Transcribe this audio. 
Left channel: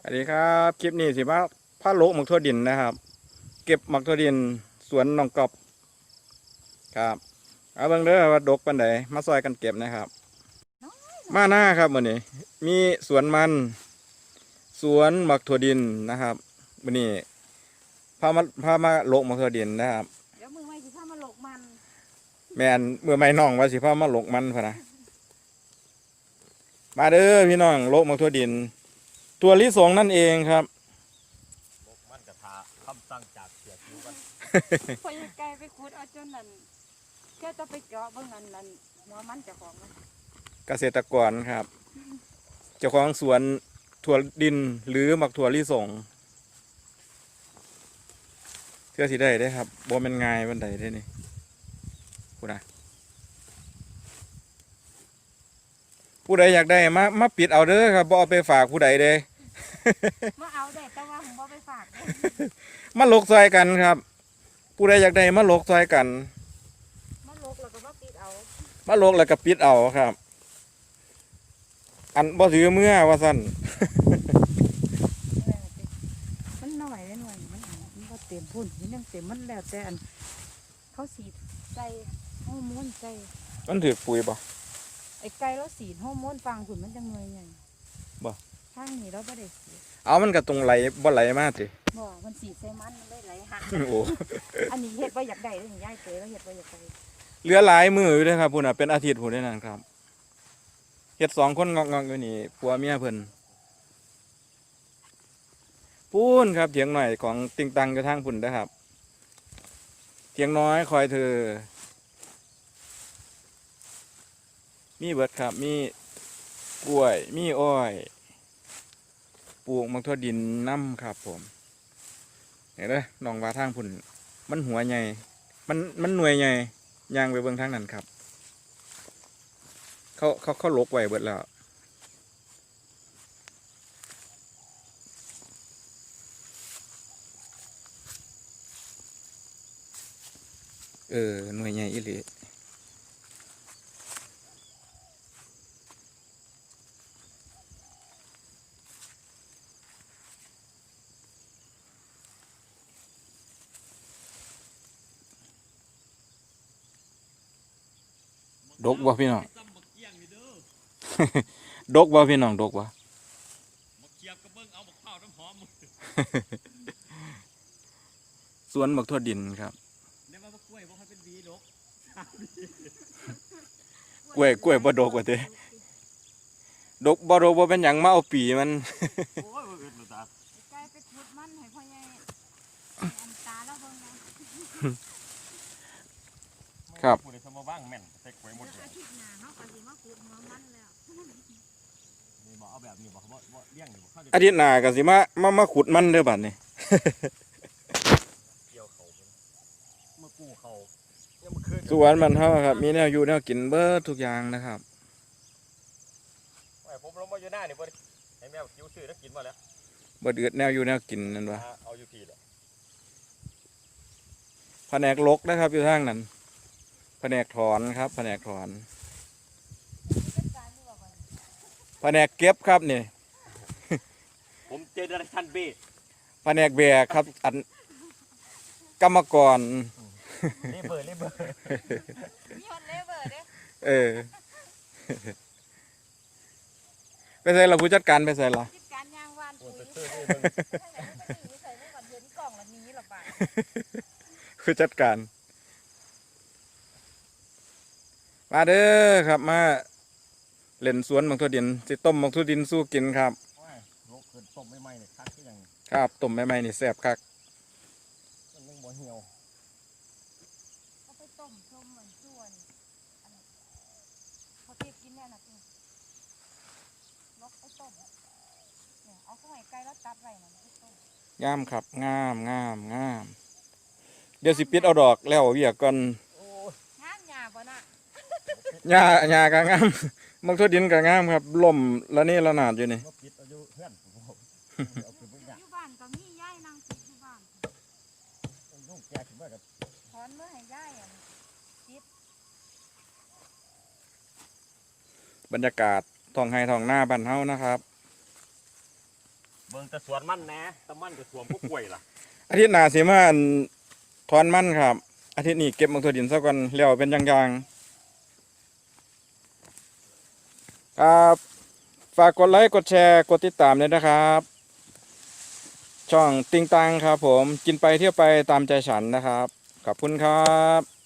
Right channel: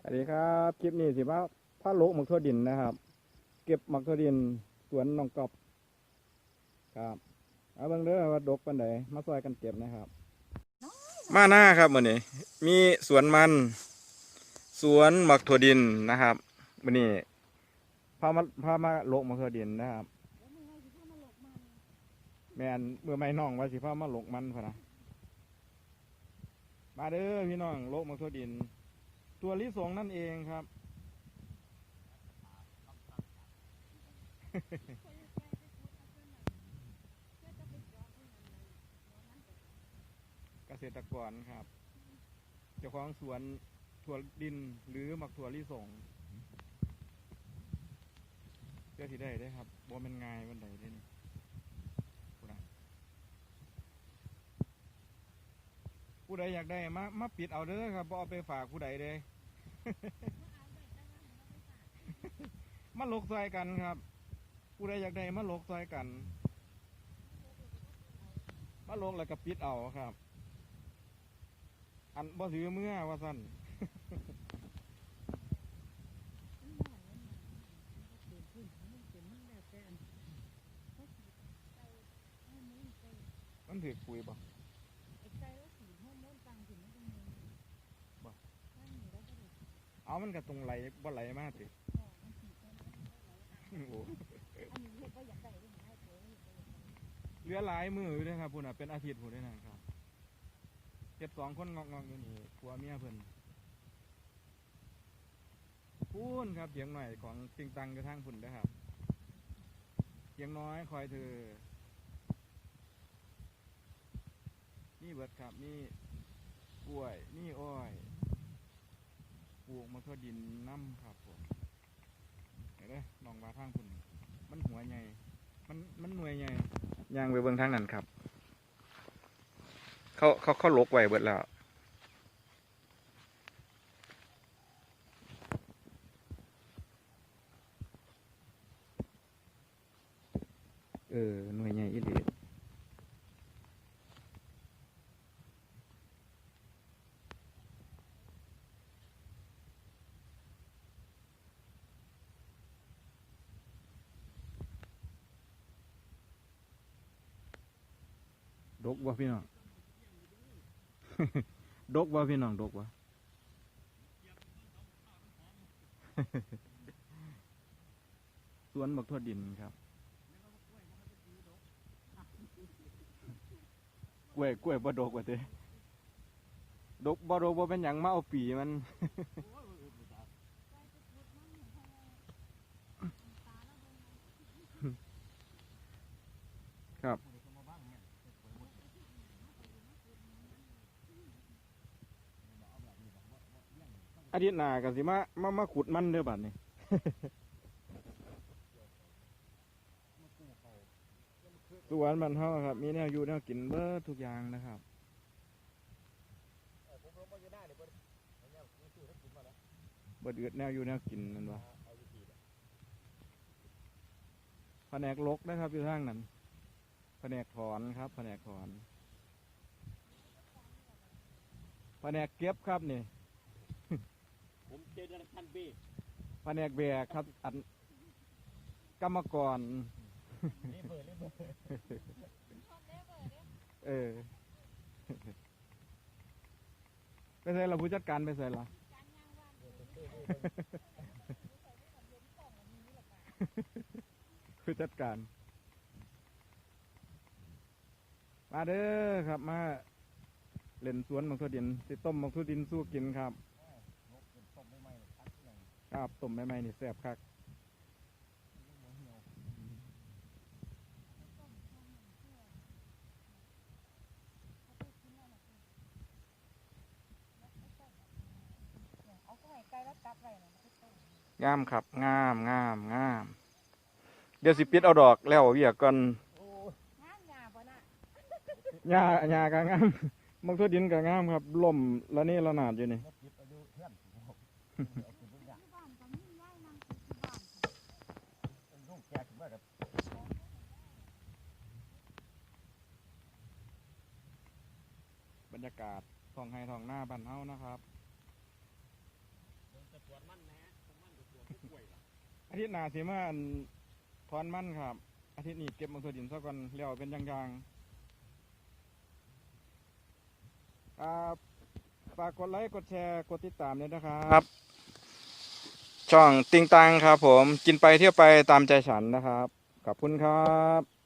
สวัสดีครับคลิปนี้สิว่าผ้าโลกหมักทั่วดินนะครับ เก็บหมักทั่วดินสวนหนองกอบครับเอาเบิ่งเด้อว่าดกปันใดมาซอยกันเก็บนะครับ มาหน้าครับมื้อนี้ มีสวนมัน สวนหมักทั่วดินนะครับมื้อนี้พามาพามาโลกหมักทั่วดินนะครับเดี๋ยวมือไม่สิพามาหลกมันแม่นเมื่อไม่น้องว่าสิพามาโลกมันพะนะมาเด้อพี่น้องโลกหมักทั่วดิน ตัวลิสงนั่นเองครับมันจะทาคำสั่งจากเสียผิวกันพอยังไกลไปขุดเอาจนนั่นแค่จะไปเจาะเบิ่งนั่นนั่นหัวมันเจ้าของมันเกษตรกรครับ เจ้าของสวนถั่วดินหรือหมักถั่วลิสงเพื่อสิได้ได้อครับบ่แมันง่ายบันไดได้อนี่ผู้ใด ผู้ใดอยากได้มามาปิดเอาเด้อครับบ่เอาไปฝากผู้ใดเด้มาเอาได้แต่ว่าผมบ่ไปฝากเด้อมาลกซอยกันครับ ผู้ใดอยากได้มาลกซอยกัน มาหลกแล้วก็มาปิดเอามาลกแล้วก็ปิดเอาครับ อันบ่ถือเมื่อว่าซั่นมันหน่อยหน่อยมันอันมันบ่เต็มพุ่นมันยังเต็มมันแล้วแต่อันเขาสีดใส่ฮอร์โมนใส่มันถือปุ๋ยบ่ ไอ้ไก่เราสีดฮอร์โมนฟังพุ่นมันจังหน่วยใหญ่บ่ ทางนี้เราบ่ได้สีดเอามันก็ตรงไหลบ่ไหลมาติบ่มันสีดใส่มันมันเลยไหลหักโอ้อันนี้เฮ็ดบ่อยากได้เด้อยายเตยเราเฮ็ดบ่อยากได้เหลือหลายมืออยู่เด้อครับพุ่นน่ะเป็นอาทิตย์พุ่นได้นั่นครับเฮ็ดสองคนงอกๆอยู่นี่ผัวเมียเพิ่นพูนครับเถียงหน่อยของติงตังอยู่ทางพุ่นเด้อครับเถียงน้อยคอยเธอ มีเบิดครับ มีกล้วย มีอ้อย ปลูกมักทั่วดินน้ำครับ ผมเห็นเด้อน้องว่าทางพุ่น มันหัวใหญ่ มัน มันหน่วยใหญ่ยางไปเบิ่งทางนั้นครับ เขาเขาเขาลกไว้เบิดแล้วเออหน่วยใหญ่อีหลี ดกบ่พี่น้องซ้ำบักเกี้ยงนี่เด้อดกบ่พี่น้อง ดกบ่บักเกียบก็เบิ่งเอาบักข้าวน้ำหอมมึงสวนบักทั่วดินครับในว่าบักกล้วยบ่ให้เป็นหวีดอกกล้วยกล้วยบ่ดกว่าเด้ดกบ่ดกบ่เป็นหยังมาเอาปีมันโอ้ยบ่อึดหรอกตาไก่ไปขุดมันให้พ่อใหญ่อันตาแล้วเบิ่งนะครับผู้ใดสมา ว่างแม่นใส่กล้วยหมดเดี๋ยวเลยอาทิตย์หน้าเฮาก็สิมาขุดหัวมันแล้วนี่บ่เอาแบบนี้บ่บ่บ่เลี้ยงนี่บ่เข้าอาทิตย์หน้าก็สิมามามาขุดมันเด้อบัดนี้ เกี่ยวเขาเมื่อกู้เขายังมาคืนสวนมันเฮาครับ มีแนวอยู่แนวกินเบิดทุกอย่างนะครับโอ้ยผมลงมาอยู่หน้านี่บ่ได้ให้แมวคิวซื้อแล้วกินมาแล้วบ่เดือดแนวอยู่แนวกินนั่นวะหาเอาอยู่พี่แหละแผนกลกนะครับอยู่ทางนั้น แผนกถอนครับแผนกถอน แผนกเก็บครับนี่ผมเจเนอเรชั่นเบแผนกแบกครับอันกรรมกรรีบเบอร์รีบเบอร์มีฮอตเลเวอร์เด้เออไปใส่ละผู้จัดการไปใส่ละคิดการย่างวานโอ้ปุ๋ยยไปซื้อนี่เบิ่งทางไหนมันก็หนีใส่ไว้ก่อนเดี๋ยวนี้กล่องละหนี้หรอกบ่าผู้จัดการ มาเด้อครับมาเล่นสวนบางทั่วดินสิต้มบางทั่วดินสู้กินครับโอ้ยโรคเกินต้มไม่ไหม้เนี่ยคักก็ยังครับต้มใหม่ๆนี่แซ่บคักมันยังบ่เหี่ยวเอาไปต้มชมเหมือนส่วนอันเขาเก็บกินแน่น่ะจริงนกไปต้มเนี่ยเอาเข้าไว้ไก่แล้วตัดไว้น่ะมันไปต้มงามครับงามงามงามเดี๋ยวสิปิดเอาดอกแล้วเวียกก่อน โอ้ย งามหยาบ่น่ะ หญ้าหญ้าก็งามบางทั่วดินก็งามครับล่มละนี่ละนาดอยู่นี่มาปิดอายุเพื่อนผมบอกเอาขึ้นเบิ่งอยากยู่บ้านก็มียายนางติดอยู่บ้านมันลูกแก่ขึ้นมากับถอนเมื่อให้ยายอะบรรยากาศท้องไห้ท้องหน้าบ้านเฮานะครับ เบิ่บิ่งแต่สวนมันแหน่แต่มันจะสวมพวกกล้วยล่ะอาทิตย์หน้าสิมาอั่นถอนมันครับ อาทิตย์นี้เก็บมักถั่วดินซะก่อนแล้วเป็นอย่างๆ ครับฝากกดไลค์กดแชร์กดติดตามเลยนะครับ ช่องติงตังครับผมกินไปเที่ยวไปตามใจฉันนะครับ ขอบคุณครับ